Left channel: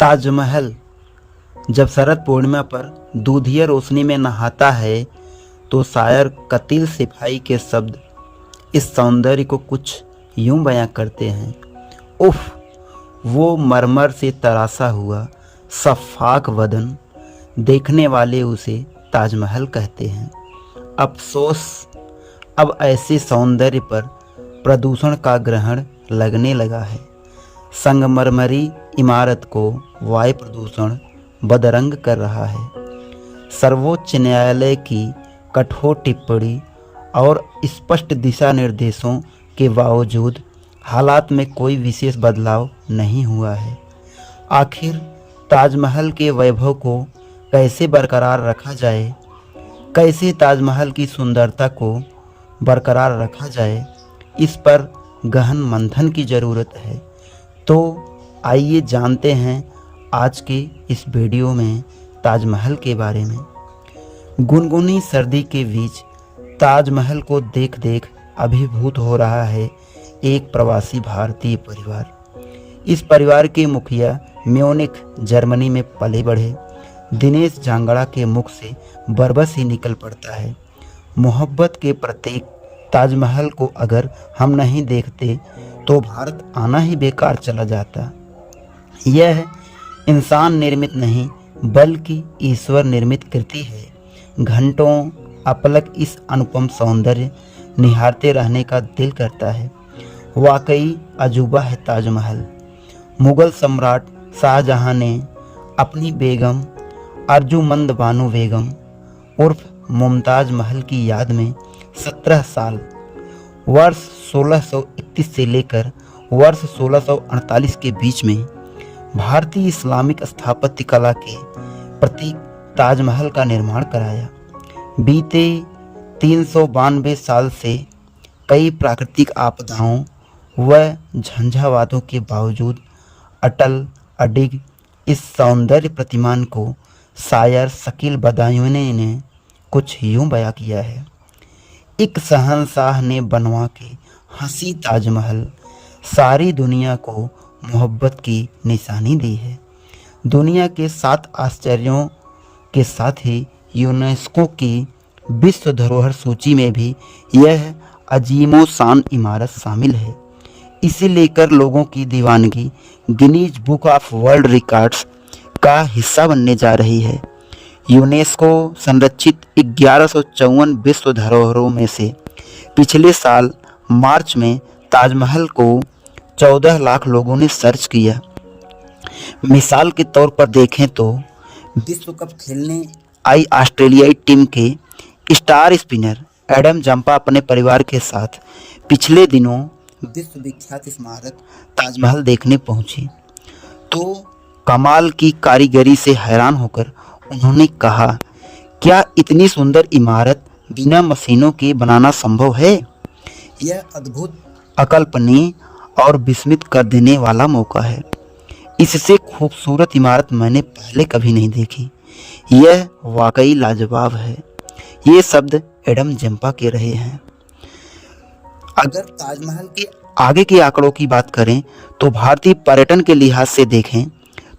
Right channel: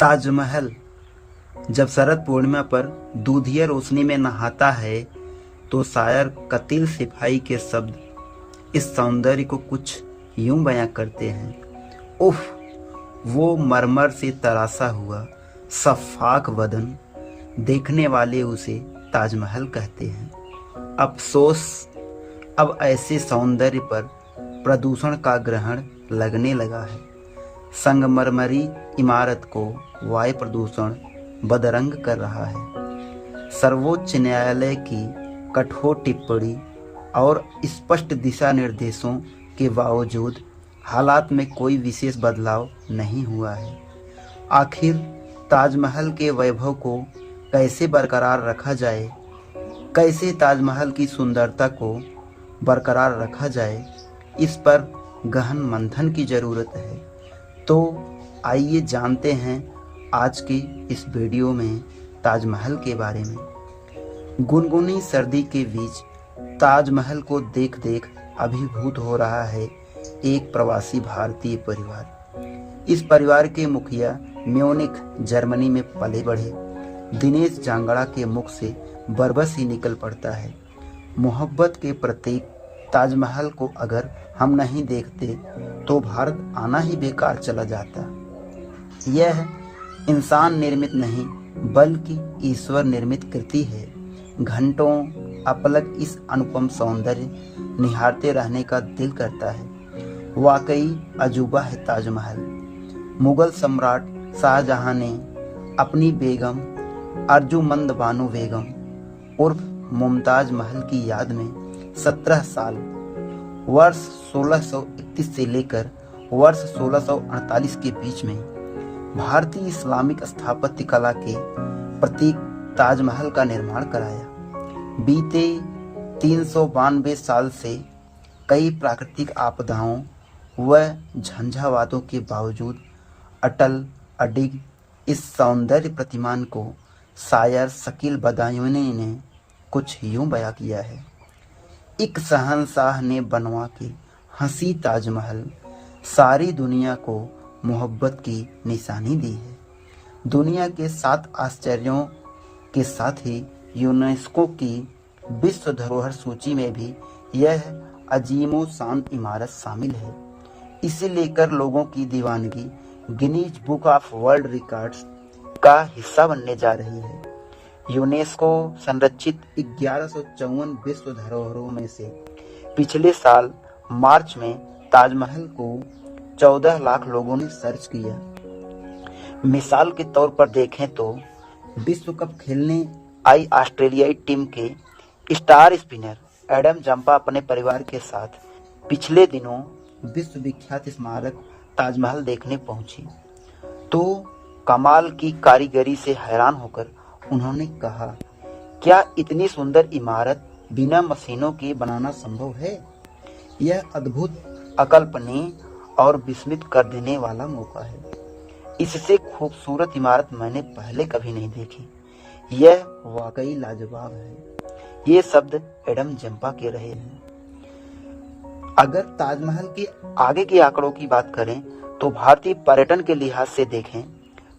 ताजमहल जब शरद पूर्णिमा पर दूधिया रोशनी में नहाता है तो शायर कतील सिपाही के शब्द इस सौंदर्य को कुछ यूं बयां करते हैं। उफ, वो मरमर से तरासा हुआ सफाक बदन, देखने वाले उसे ताजमहल कहते हैं। अफसोस, अब ऐसे सौंदर्य पर प्रदूषण का ग्रहण लगने लगा है। संगमरमरी इमारत को वायु प्रदूषण बदरंग कर रहा है। सर्वोच्च न्यायालय की कठोर टिप्पणी और स्पष्ट दिशा निर्देशों के बावजूद हालात में कोई विशेष बदलाव नहीं हुआ है। आखिर ताजमहल के वैभव को कैसे बरकरार रखा जाए, कैसे ताजमहल की सुंदरता को बरकरार रखा जाए, इस पर गहन मंथन की ज़रूरत है। तो आइए जानते हैं आज के इस वीडियो में ताजमहल के बारे में। गुनगुनी सर्दी के बीच ताजमहल को देख देख अभिभूत हो रहा है एक प्रवासी भारतीय परिवार। इस परिवार के मुखिया म्यूनिख जर्मनी में पले बढ़े दिनेश जांगड़ा के मुख से बरबस ही निकल पड़ता है। मोहब्बत के प्रतीक ताजमहल को अगर हम नहीं देखते तो भारत आना ही बेकार चला जाता। यह इंसान निर्मित नहीं बल्कि ईश्वर निर्मित कृति है। घंटों अपलक इस अनुपम सौंदर्य निहारते रहने का दिल करता है। वाकई अजूबा है ताजमहल। मुगल सम्राट शाहजहां ने अपनी बेगम अर्जुमंद बानो बेगम उर्फ मुमताज महल की याद में 17 साल वर्ष 1631 से लेकर वर्ष 1648 के बीच में भारतीय इस्लामिक स्थापत्य कला के प्रतीक ताजमहल का निर्माण कराया। बीते 392 साल से कई प्राकृतिक आपदाओं व झंझावातों के बावजूद अटल अडिग इस सौंदर्य प्रतिमान को शायर शकील बदायूनी ने कुछ यूं बयां किया है। एक शहंशाह ने बनवा के हंसी ताजमहल सारी दुनिया को मोहब्बत की निशानी दी है। दुनिया के 7 आश्चर्यों के साथ ही यूनेस्को की विश्व धरोहर सूची में भी यह अजीमो शान इमारत शामिल है। इसे लेकर लोगों की दीवानगी Guinness book of world records का हिस्सा बनने जा रही है। यूनेस्को संरक्षित 1154 विश्व धरोहरों में से पिछले साल मार्च में ताजमहल को 14 लाख लोगों ने सर्च किया। मिसाल के तौर पर देखें तो विश्व कप खेलने आई ऑस्ट्रेलियाई टीम के स्टार स्पिनर एडम जंपा अपने परिवार के साथ पिछले दिनों विश्व विख्यात स्मारक ताजमहल देखने पहुंचे तो कमाल की कारीगरी से हैरान होकर उन्होंने कहा, क्या इतनी सुंदर इमारत बिना मशीनों के बनाना संभव है? यह अद्भुत, अकल्पनीय और विस्मित कर देने वाला मौका है। इससे खूबसूरत इमारत मैंने पहले कभी नहीं देखी। यह वाकई लाजवाब है। ये शब्द एडम जंपा के रहे हैं। अगर ताजमहल के आगे के आंकड़ों की बात करें तो भारतीय पर्यटन के लिहाज से देखें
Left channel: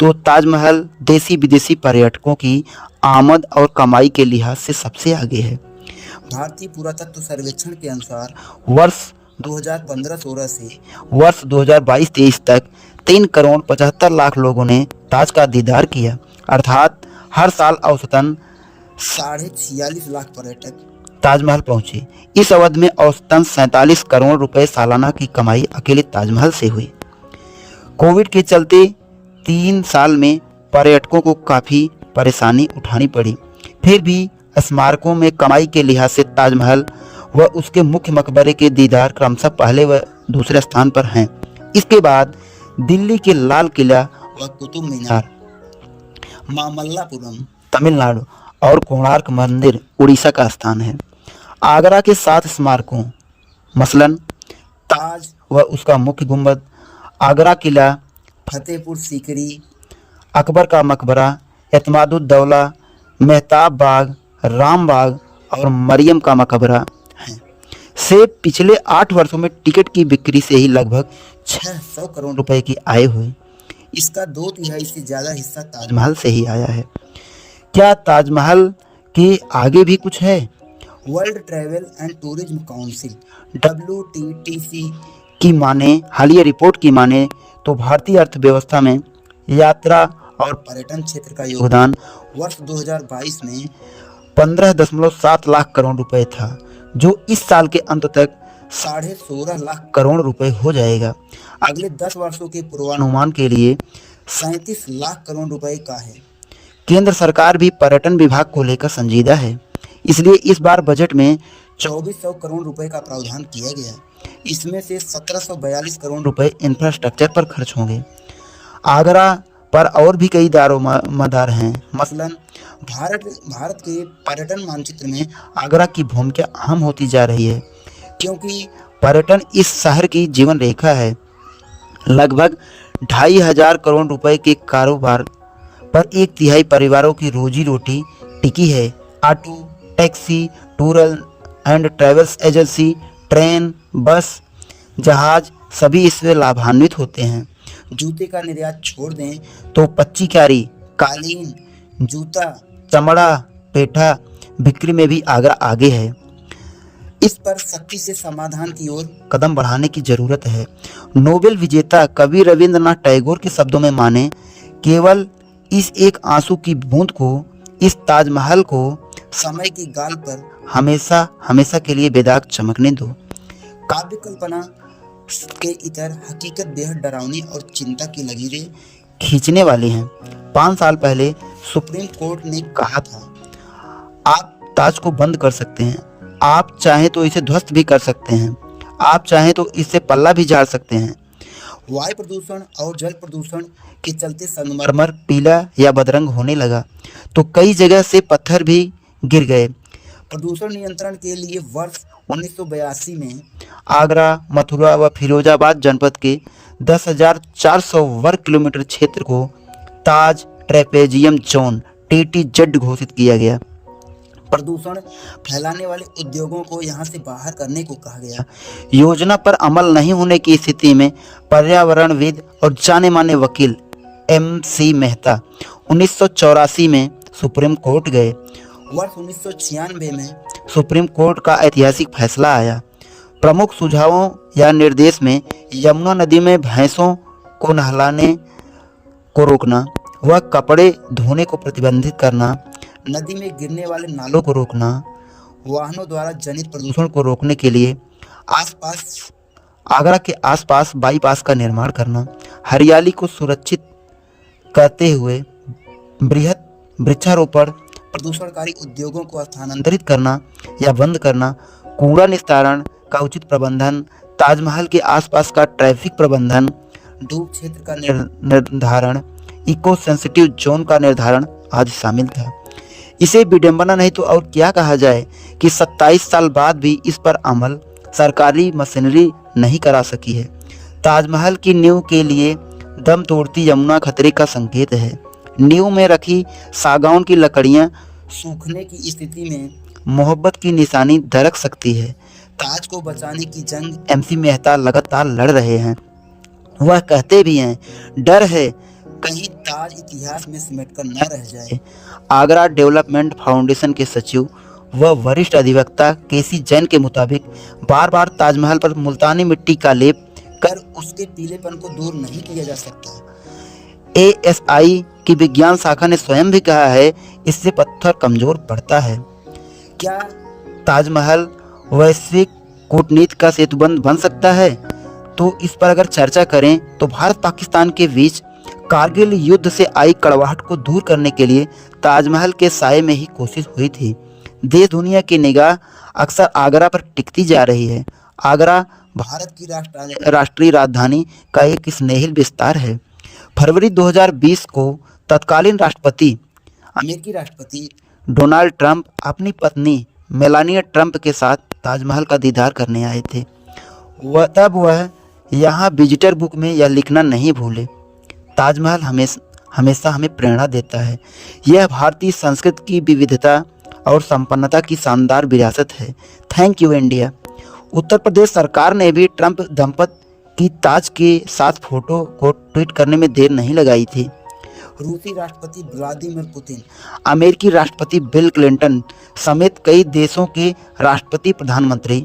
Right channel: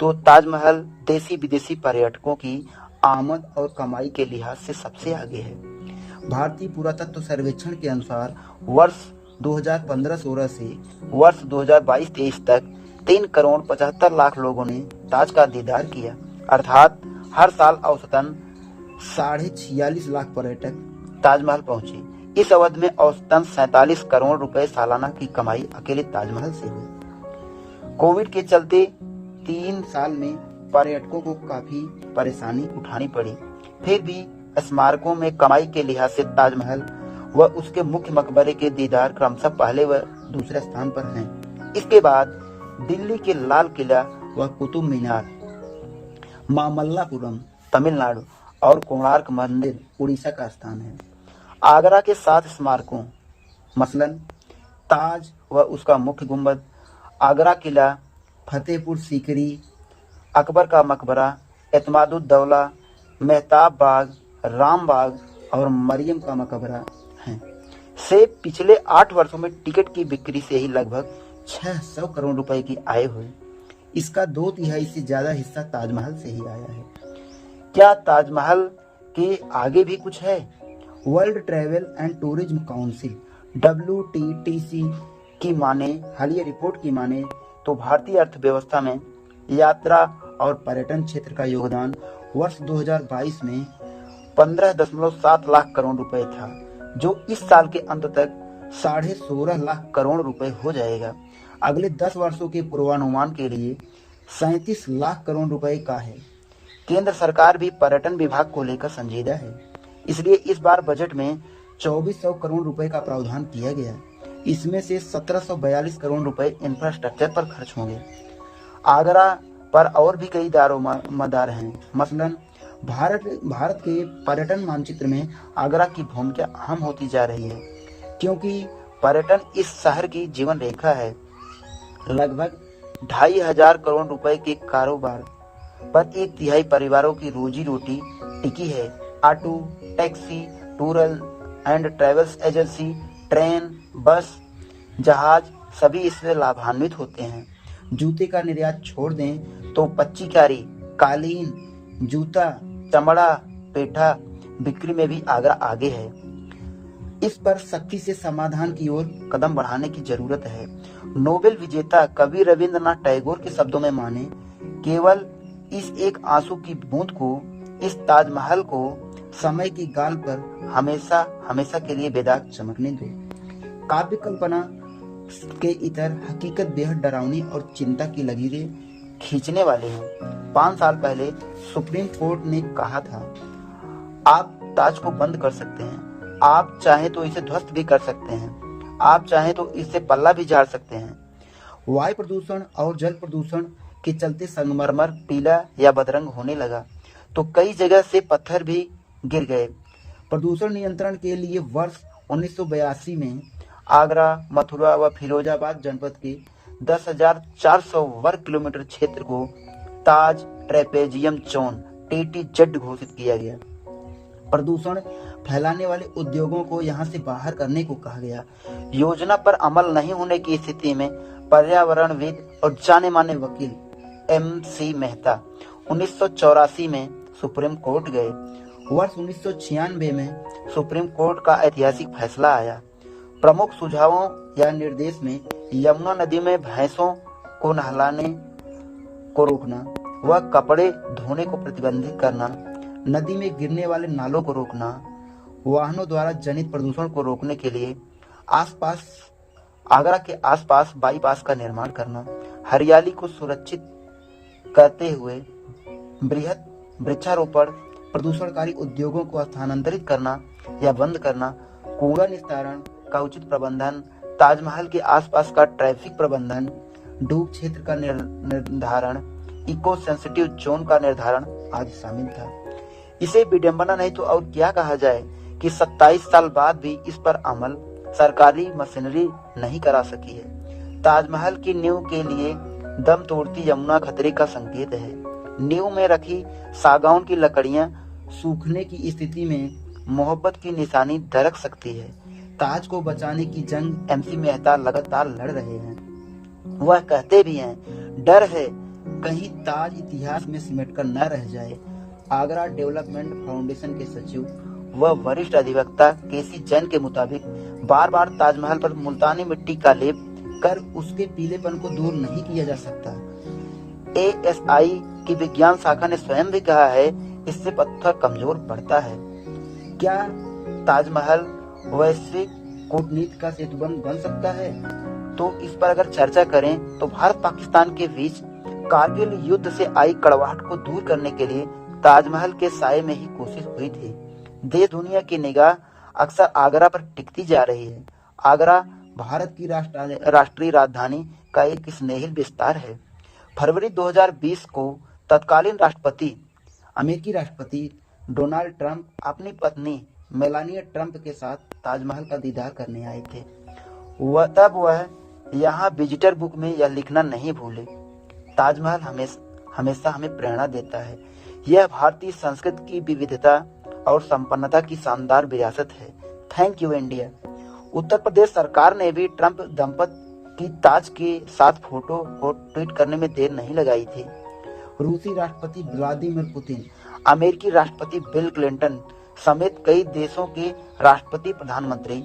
तो ताजमहल देसी विदेशी पर्यटकों की आमद और कमाई के लिहाज से सबसे आगे है। भारतीय पुरातत्व सर्वेक्षण के अनुसार वर्ष 2015-16 से वर्ष 2022-23 तक 3 करोड़ 75 लाख लोगों ने ताज का दीदार किया, अर्थात हर साल औसतन 46.5 लाख पर्यटक ताजमहल पहुंचे। इस अवधि में औसतन 47 करोड़ रुपए सालाना की कमाई अकेले ताजमहल से हुई। कोविड के चलते 3 साल में पर्यटकों को काफ़ी परेशानी उठानी पड़ी, फिर भी स्मारकों में कमाई के लिहाज से ताजमहल व उसके मुख्य मकबरे के दीदार क्रमशः पहले व दूसरे स्थान पर हैं। इसके बाद दिल्ली के लाल किला व कुतुब मीनार, मामल्लापुरम तमिलनाडु और कोणार्क मंदिर उड़ीसा का स्थान है। आगरा के 7 स्मारकों मसलन ताज व उसका मुख्य गुंबद, आगरा किला, फतेहपुर सीकरी, अकबर का मकबरा, एतमादुद्दौला, मेहताब बाग, राम बाग और मरियम का मकबरा हैं। से पिछले 8 वर्षों में टिकट की बिक्री से ही लगभग 600 करोड़ रुपए की आय हुई। इसका 2/3 से ज़्यादा हिस्सा ताजमहल से ही आया है। क्या ताजमहल के आगे भी कुछ है? World travel and tourism council WTTC की माने, हालिया रिपोर्ट की माने तो भारतीय अर्थव्यवस्था में यात्रा और पर्यटन क्षेत्र का योगदान वर्ष 2022 में 15.7 लाख करोड़ रुपए था, जो इस साल के अंत तक 16.5 लाख करोड़ रुपए हो जाएगा। अगले 10 वर्षों के पूर्वानुमान के लिए 37 लाख करोड़ रुपए का है। केंद्र सरकार भी पर्यटन विभाग को लेकर संजीदा है, इसलिए इस बार बजट में 2400 करोड़ रुपए का प्रावधान किया गया। इसमें से 1742 करोड़ रुपए इंफ्रास्ट्रक्चर पर खर्च होंगे। आगरा पर और भी कई दारोमदार हैं। मसलन भारत के पर्यटन मानचित्र में आगरा की भूमिका अहम होती जा रही है, क्योंकि पर्यटन इस शहर की जीवन रेखा है। लगभग 2500 करोड़ रुपए के कारोबार पर 1/3 परिवारों की रोजी रोटी टिकी है। Auto, taxi, tour and travels agency, train, बस, जहाज सभी इससे लाभान्वित होते हैं। जूते का निर्यात छोड़ दें तो पच्ची क्यारी, कालीन, जूता, चमड़ा, पेठा बिक्री में भी आगरा आगे है। इस पर सख्ती से समाधान की ओर कदम बढ़ाने की जरूरत है। नोबेल विजेता कवि रविंद्रनाथ टैगोर के शब्दों में माने, केवल इस एक आंसू की बूंद को, इस ताजमहल को समय की गाल पर हमेशा हमेशा के लिए बेदाग चमकने दो। काव्य कल्पना के इतर हकीकत बेहद डरावनी और चिंता की लकीरें खींचने वाली हैं। 5 साल पहले सुप्रीम कोर्ट ने कहा था, आप ताज को बंद कर सकते हैं, आप चाहें तो इसे ध्वस्त भी कर सकते हैं, आप चाहें तो इससे पल्ला भी झाड़ सकते हैं। वायु प्रदूषण और जल प्रदूषण के चलते संगमरमर पीला या बदरंग होने लगा, तो कई जगह से पत्थर भी गिर गए। प्रदूषण नियंत्रण के लिए वर्ष 1982 में आगरा, मथुरा व फिरोजाबाद जनपद के 10,400 वर्ग किलोमीटर क्षेत्र को ताज ट्रेपेजियम जोन TTZ घोषित किया गया। प्रदूषण फैलाने वाले उद्योगों को यहां से बाहर करने को कहा गया। योजना पर अमल नहीं होने की स्थिति में पर्यावरणविद और जाने माने वकील MC मेहता 1984 में सुप्रीम कोर्ट गए। वर्ष 1996 में सुप्रीम कोर्ट का ऐतिहासिक फैसला आया। प्रमुख सुझावों या निर्देश में यमुना नदी में भैंसों को नहलाने को रोकना व कपड़े धोने को प्रतिबंधित करना, नदी में गिरने वाले नालों को रोकना, वाहनों द्वारा जनित प्रदूषण को रोकने के लिए आगरा के आसपास बाईपास का निर्माण करना, हरियाली को सुरक्षित करते हुए बृहद वृक्षारोपण, प्रदूषणकारी उद्योगों को स्थानांतरित करना या बंद करना, कूड़ा निस्तारण का उचित प्रबंधन, ताजमहल के आसपास का ट्रैफिक प्रबंधन, डूब क्षेत्र का निर्धारण, इको सेंसिटिव जोन का निर्धारण आदि शामिल था। इसे विडंबना नहीं तो और क्या कहा जाए कि 27 साल बाद भी इस पर अमल सरकारी मशीनरी नहीं करा सकी है। ताजमहल की नींव के लिए दम तोड़ती यमुना खतरे का संकेत है। नींव में रखी सागौन की लकड़ियां सूखने की स्थिति में मोहब्बत की निशानी दरक सकती है। ताज को बचाने की जंग MC मेहता लगातार लड़ रहे हैं। वह कहते भी हैं, डर है कहीं ताज इतिहास में सिमटकर न रह जाए। आगरा डेवलपमेंट फाउंडेशन के सचिव व वरिष्ठ अधिवक्ता KC जैन के मुताबिक बार बार ताजमहल पर मुल्तानी मिट्टी का लेप कर उसके पीलेपन को दूर नहीं किया जा सकता। ASI की विज्ञान शाखा ने स्वयं भी कहा है, इससे पत्थर कमजोर पड़ता है। क्या ताजमहल वैश्विक कूटनीति का सेतुबंध बन सकता है? तो इस पर अगर चर्चा करें तो भारत पाकिस्तान के बीच कारगिल युद्ध से आई कड़वाहट को दूर करने के लिए ताजमहल के साये में ही कोशिश हुई थी। देश दुनिया की निगाह अक्सर आगरा पर टिकती जा रही है। आगरा भारत की राष्ट्रीय राजधानी का एक स्नेहिल विस्तार है। फरवरी 2020 को तत्कालीन अमेरिकी राष्ट्रपति डोनाल्ड ट्रंप अपनी पत्नी मेलानिया ट्रंप के साथ ताजमहल का दीदार करने आए थे। वह यहाँ विजिटर बुक में यह लिखना नहीं भूले, ताजमहल हमेशा हमें प्रेरणा देता है। यह भारतीय संस्कृति की विविधता और संपन्नता की शानदार विरासत है। Thank you India. Uttar Pradesh सरकार ने भी ट्रंप दंपत कि ताज के साथ फोटो को ट्वीट करने में देर नहीं लगाई थी। रूसी राष्ट्रपति व्लादिमीर पुतिन, अमेरिकी राष्ट्रपति बिल क्लिंटन समेत कई देशों के राष्ट्रपति प्रधानमंत्री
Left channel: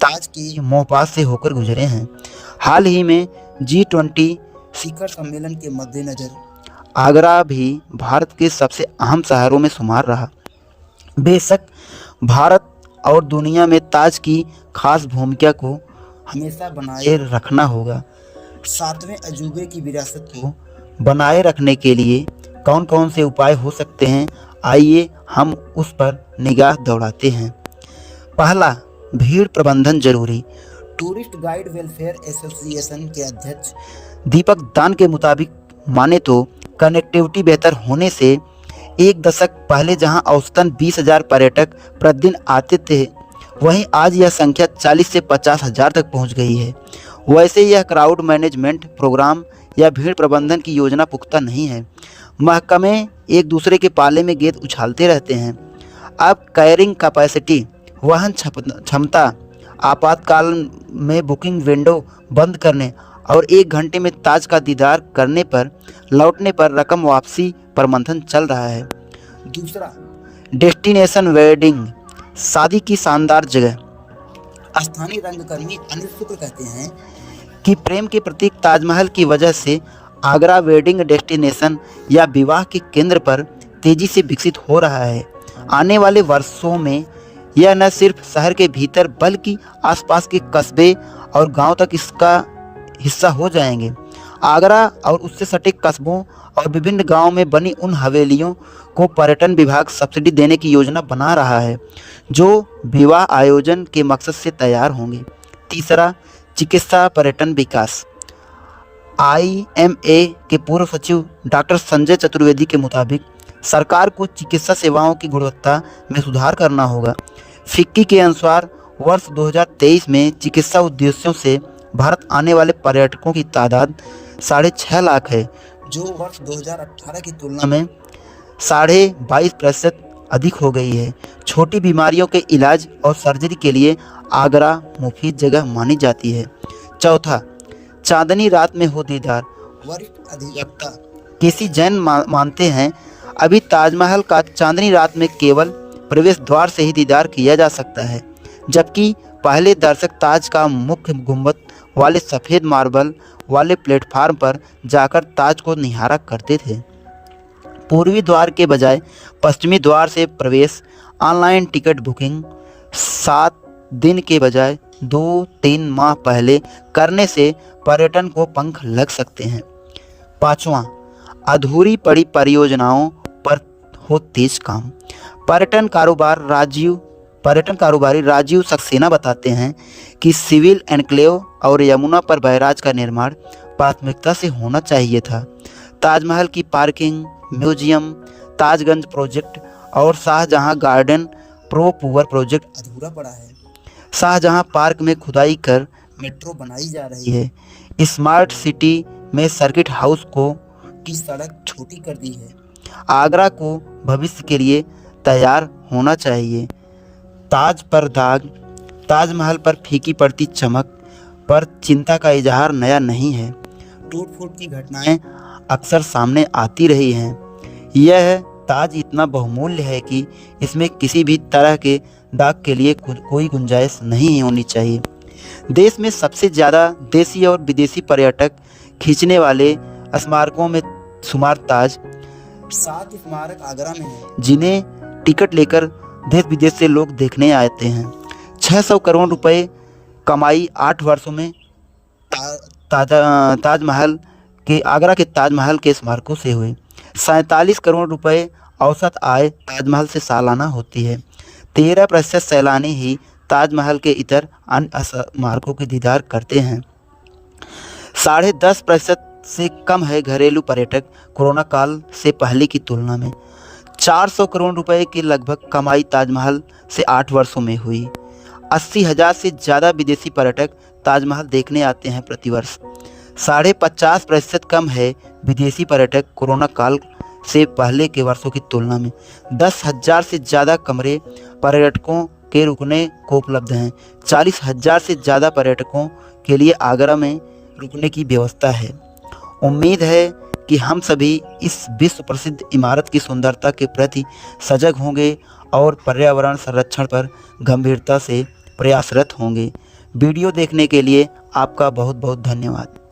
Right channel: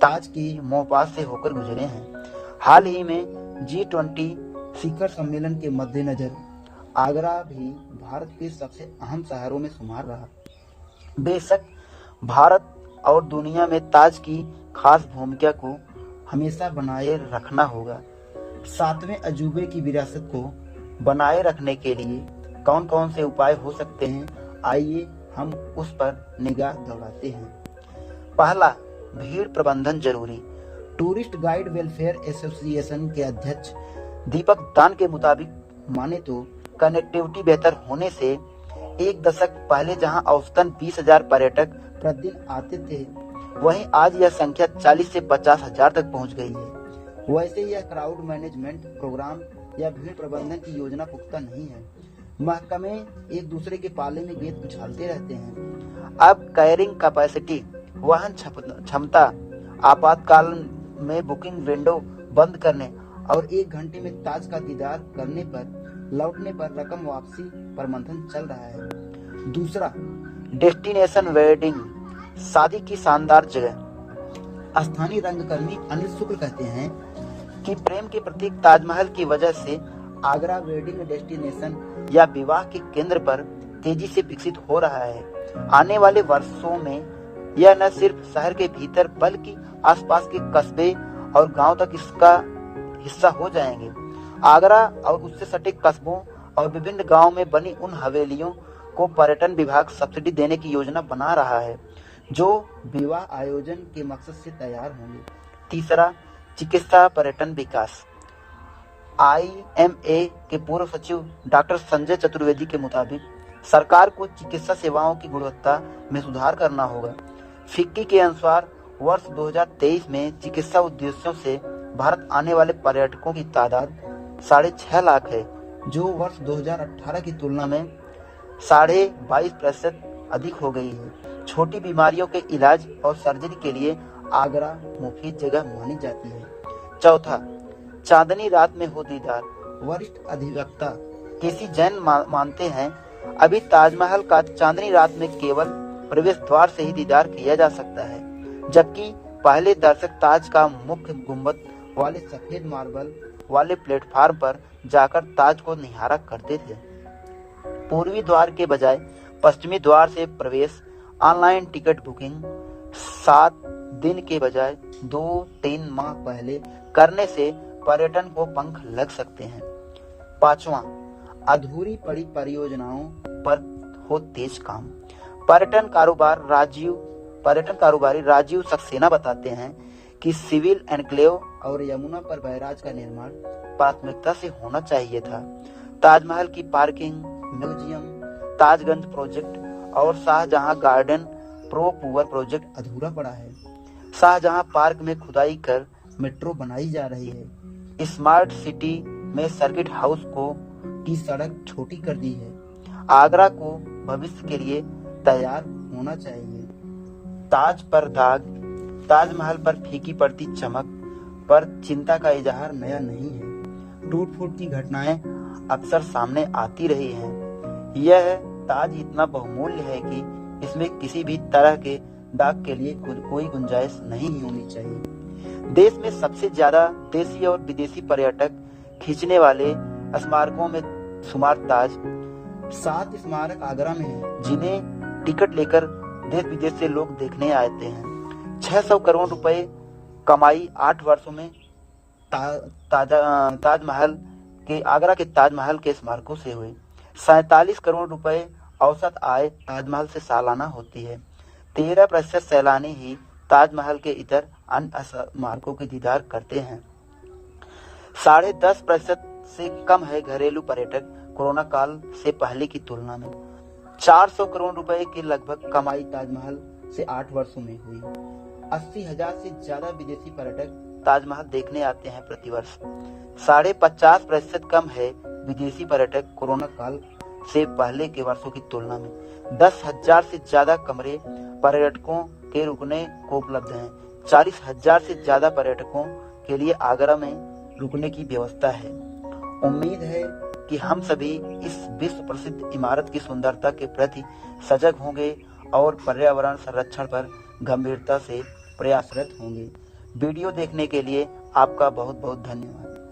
ताज के मोहपास से होकर गुजरे हैं। हाल ही में G20 शिखर सम्मेलन के मद्देनजर आगरा भी भारत के सबसे अहम शहरों में शुमार रहा। बेशक भारत और दुनिया में ताज की खास भूमिका को हमेशा बनाए रखना होगा। सातवें अजूबे की विरासत को बनाए रखने के लिए कौन कौन से उपाय हो सकते हैं, आइए हम उस पर निगाह दौड़ाते हैं। पहला, भीड़ प्रबंधन जरूरी। टूरिस्ट गाइड वेलफेयर एसोसिएशन के अध्यक्ष दीपक दान के मुताबिक माने तो कनेक्टिविटी बेहतर होने से एक दशक पहले जहां औसतन 20,000 पर्यटक प्रतिदिन आते थे, वहीं आज यह संख्या 40 से 50,000 तक पहुंच गई है। वैसे यह क्राउड मैनेजमेंट प्रोग्राम या भीड़ प्रबंधन की योजना पुख्ता नहीं है। महकमे एक दूसरे के पाले में गेंद उछालते रहते हैं। अब कैरिंग कैपेसिटी, वहन क्षमता, आपातकाल में बुकिंग विंडो बंद करने और 1 घंटे में ताज का दीदार करने पर लौटने पर रकम वापसी पर मंथन चल रहा है। दूसरा, डेस्टिनेशन वेडिंग, शादी की शानदार जगह। स्थानीय रंगकर्मी अनिल शुक्ल कहते हैं कि प्रेम के प्रतीक ताजमहल की वजह से आगरा वेडिंग डेस्टिनेशन या विवाह के केंद्र पर तेजी से विकसित हो रहा है। आने वाले वर्षों में यह न सिर्फ शहर के भीतर बल्कि आसपास के कस्बे और गांव तक इसका हिस्सा हो जाएंगे। आगरा और उससे सटे कस्बों और विभिन्न गांवों में बनी उन हवेलियों को पर्यटन विभाग सब्सिडी देने की योजना बना रहा है, जो विवाह आयोजन के मकसद से तैयार होंगे। तीसरा, चिकित्सा पर्यटन विकास। IMA के पूर्व सचिव डॉक्टर संजय चतुर्वेदी के मुताबिक सरकार को चिकित्सा सेवाओं की गुणवत्ता में सुधार करना होगा। फिक्की के अनुसार वर्ष 2023 में चिकित्सा उद्देश्यों से भारत आने वाले पर्यटकों की तादाद 6.5 लाख है, जो वर्ष 2018 की तुलना में 22.5% अधिक हो गई है। छोटी बीमारियों के इलाज और सर्जरी के लिए आगरा मुफीद जगह मानी जाती है। चौथा, चांदनी रात में हो दीदार। वरिष्ठ अधिवक्ता केसी जैन मानते हैं अभी ताजमहल का चांदनी रात में केवल प्रवेश द्वार से ही दीदार किया जा सकता है, जबकि पहले दर्शक ताज का मुख्य गुंबद वाले सफ़ेद मार्बल वाले प्लेटफार्म पर जाकर ताज को निहारा करते थे। पूर्वी द्वार के बजाय पश्चिमी द्वार से प्रवेश, ऑनलाइन टिकट बुकिंग 7 दिन के बजाय 2-3 माह पहले करने से पर्यटन को पंख लग सकते हैं। पांचवा, अधूरी पड़ी परियोजनाओं पर हो तेज काम। पर्यटन कारोबारी राजीव सक्सेना बताते हैं कि सिविल एनक्लेव और यमुना पर बैराज का निर्माण प्राथमिकता से होना चाहिए था। ताजमहल की पार्किंग, म्यूजियम, ताजगंज प्रोजेक्ट और शाहजहां गार्डन पुअर प्रोजेक्ट अधूरा पड़ा है। शाहजहां पार्क में खुदाई कर मेट्रो बनाई जा रही है। स्मार्ट सिटी में सर्किट हाउस की सड़क छोटी कर दी है। आगरा को भविष्य के लिए तैयार होना चाहिए। ताज पर दाग, ताजमहल पर फीकी पड़ती चमक पर चिंता का इजहार नया नहीं है। टूट फूट की घटनाएं अक्सर सामने आती रही हैं। यह ताज इतना बहुमूल्य है कि इसमें किसी भी तरह के दाग के लिए कोई गुंजाइश नहीं होनी चाहिए। देश में सबसे ज़्यादा देसी और विदेशी पर्यटक खींचने वाले स्मारकों में शुमार ताज। 7 स्मारक आगरा में हैं, जिन्हें टिकट लेकर देश विदेश से लोग देखने आते हैं। 600 करोड़ रुपए कमाई 8 वर्षों में ताजमहल के आगरा के ताजमहल के स्मारकों से हुए। 47 करोड़ रुपए औसत आय ताजमहल से सालाना होती है। 13% सैलानी ही ताजमहल के इतर अन्य स्मारकों के दीदार करते हैं। 10.5% से कम है घरेलू पर्यटक कोरोना काल से पहले की तुलना में। 400 करोड़ रुपए की लगभग कमाई ताजमहल से 8 वर्षों में हुई। 80,000 से ज़्यादा विदेशी पर्यटक ताजमहल देखने आते हैं प्रतिवर्ष। 50.5% कम है विदेशी पर्यटक कोरोना काल से पहले के वर्षों की तुलना में। 10,000 से ज़्यादा कमरे पर्यटकों के रुकने को उपलब्ध हैं। 40,000 से ज़्यादा पर्यटकों के लिए आगरा में रुकने की व्यवस्था है। उम्मीद है कि हम सभी इस विश्व प्रसिद्ध इमारत की सुंदरता के प्रति सजग होंगे और पर्यावरण संरक्षण पर गंभीरता से प्रयासरत होंगे। वीडियो देखने के लिए आपका बहुत बहुत धन्यवाद।